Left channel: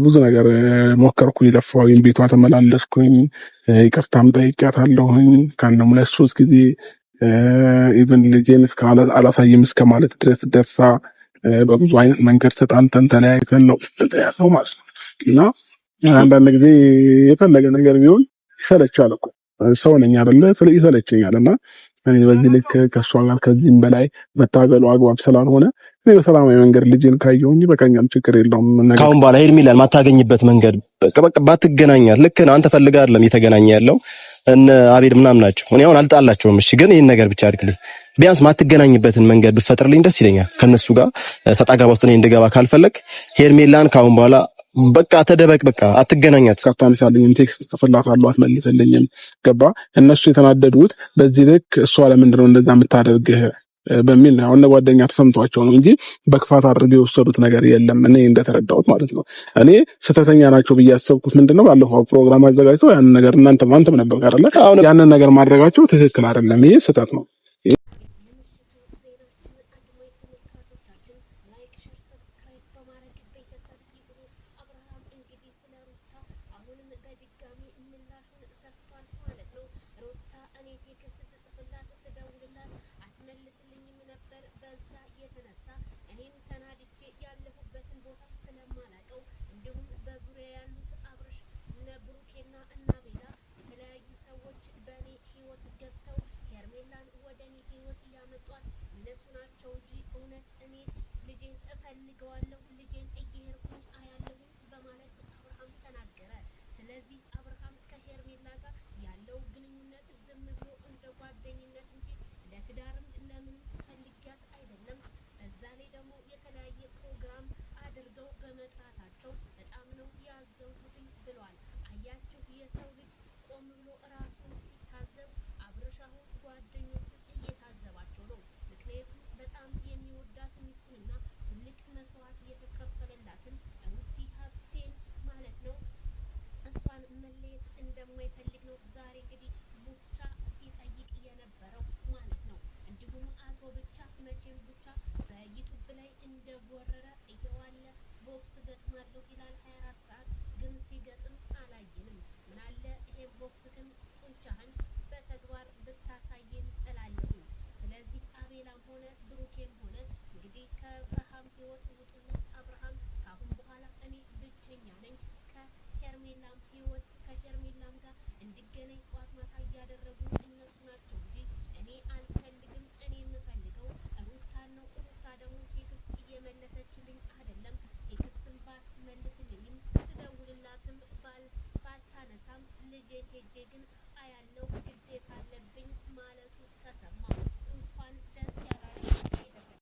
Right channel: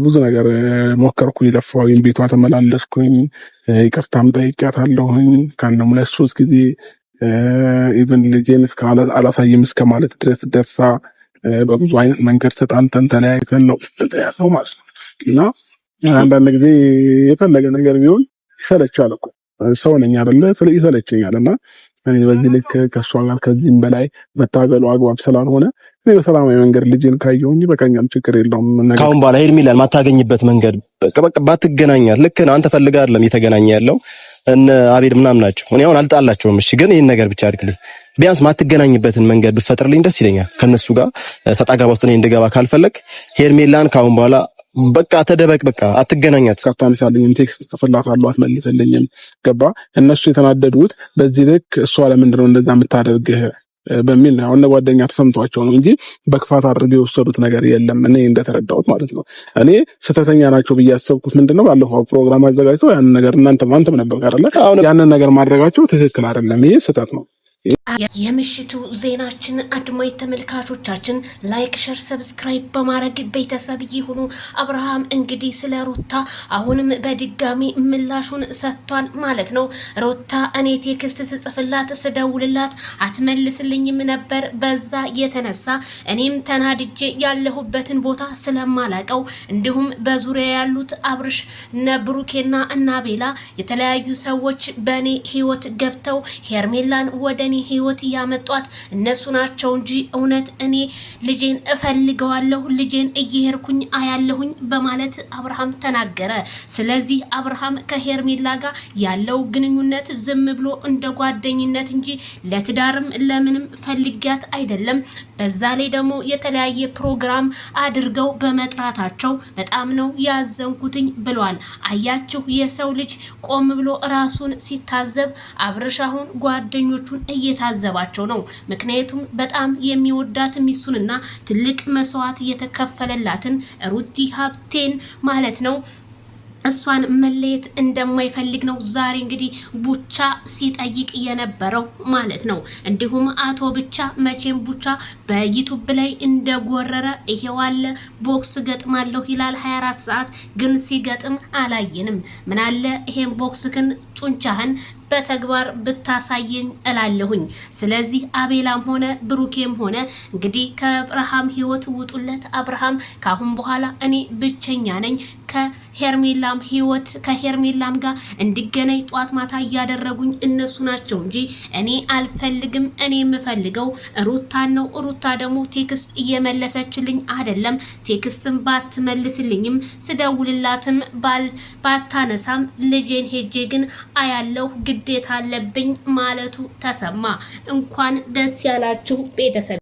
ብዙ ነገር ሞከርኩኝ ለፋሁኝ ቤቷ ተመላለስኩኝ ይቅርታም ጠይቄያታለሁኝ ከአንድም 2-3 ጊዜ ኢቭን ልጄን እስከ አላሳይም እስከ ማለት ድረስ ደርሳ በብዙ አይነት መንገድ ተጣልተን ተለያይተን ነው ተያዘው ማለት ነው። እና አንዳንድ ጊዜ የፈለገ ነገር ቢሆን ይሰለቻል እኮ ሰው ነኝ አይደለ ይሰለቸኛል። እና እኔ በዚህ ልክ ከሷ ጋር ከዚህም በላይ መታገሉ አግባብ ስላልሆነ እኔ በሰላማዊ መንገድ ልጄን ካየሁኝ በቃኛል፣ ችግር የለውም። ካሁን በኋላ ሄርሜላን ማታገኝበት መንገድ በቃ ባትገናኛት ልክ ነው። አንተ ፈልገህ አይደለም እየተገናኘ ያለው እነ አቤል ምናምን ናቸው። እኔ አሁን አልጣላቸውም። እሺ ግን ይሄን ነገር ብቻ አድርግልኝ፣ ቢያንስ ማትገናኝበትን መንገድ ብትፈጥርልኝ ደስ ይለኛል። ከነሱ ጋር ሰጣ ገባ ውስጥ እኔ እንድገባ ካልፈለግ ሄርሜላን ካሁን በኋላ በቃ ተደበቅ፣ በቃ አትገናኛት። ካታንሳልኝ ቴክስት ጽፍላታለሁ አትመልስልኝም። ገባ እነሱ የተናደዱት በዚህ ልክ እሷ ለምንድነው እንደዛ የምታደርግህ በሚል ነው። አሁን ጓደኛ ተሰምቷቸው ነው እንጂ በክፋት አድርገው የወሰዱት ነገር የለም። እኔ እንደተረዳሁት ማለት ነው። እኔ ስተተኛ ናቸው ብዬ ያሰብኩት ምንድነው ባለፈው ፕሮግራም አዘጋጅተው ያንን ነገር አንተም ነበር አይደል? ያንን ነገር ማድረጋቸው ትክክል አይደለም። ይሄ ስህተት ነው። የምሽቱ ዜናችን አድማጭ ተመልካቾቻችን ላይክ፣ ሸር፣ ሰብስክራይብ በማድረግ ቤተሰብ ይሁኑ። አብርሃም እንግዲህ ስለ ሩታ አሁንም በድጋሚ ምላሹን ሰጥቷል ማለት ነው። ሩታ እኔ ቴክስት ስጽፍላት ስደውልላት አትመልስልኝም ነበር። በዛ የተነሳ እኔም ተናድጄ ያለሁበትን ቦታ ስለማላቀው እንዲሁም በዙሪያ ያሉት አብርሽ ነብሩኬና እናቤላ የተለያዩ ሰዎች በእኔ ህይወት ገብተው ሄርሜላን ወደ እኔ ህይወት ያመጧት እነሱ ናቸው እንጂ እውነት እኔ ልጄን እፈልገዋለሁ፣ ልጄን እየሄድኩኝ አያለሁኝ በማለት አብርሃም ተናገረ። ስለዚህ አብርሃም ከሄርሜላ ጋር ያለው ግንኙነት ዝም ብሎ እንደ ጓደኝነት እንጂ ለትዳርም ለምንም ፈልጊያት አይደለም። በዛ ላይ ደግሞ የተለያየ ፕሮግራም አድርገው በመጥራታቸው በጣም ነው ያዘንኩትኝ ብሏል። አያችሁ የሰው ልጅ ቆም ብሎ ራሱን ሲታዘብ አብርሽ አሁን ጓደኞቹን እየታዘባቸው ነው። ምክንያቱም በጣም የሚወዳት ሚስቱንና ትልቅ መስዋዕት የተከፈለላትን ሩቲ ሀብቴን ማለት ነው እሷን መለየት እንደማይፈልግ ነው ዛሬ እንግዲህ ቡቻ ሲጠይቅ የነበረው ማለት ነው። እንዲሁም አቶ ብቻ መቼም ቡቻ በዩቲዩብ ላይ እንደጎረረ ይሄዋለ ቦክስ ገጥማለሁ ይላል 24 ሰዓት ግን ሲገጥም አላየንም። ምን አለ ይሄን ቦክስክን ጡንቻህን በተግባር ብታሳየኝ እላለሁኝ። ስለዚህ አቤላም ሆነ ብሩኬም ሆነ እንግዲህ ከአብርሃም ህይወት ውጡለት። አብርሃም ካሁን በኋላ እኔ ብቸኛ ነኝ፣ ከሄርሜላም ህይወት ከሄርሜላም ጋር እንድገናኝ ጧት ማታ እያደረጉኝ እነሱ ናቸው እንጂ እኔ አልፈልግም። እኔ የምፈልገው ሩታን ነው። ሩታ ደግሞ ቴክስት እየመለሰችልኝ አይደለም። ቴክስትም ባትመልስልኝም ስደውልላትም ባታነሳም ልጄን ሄጄ ግን አያለው ግዴታ አለብኝ ማለቱ ተሰማ። እንኳን ደስ ያላችሁ ቤተሰብ።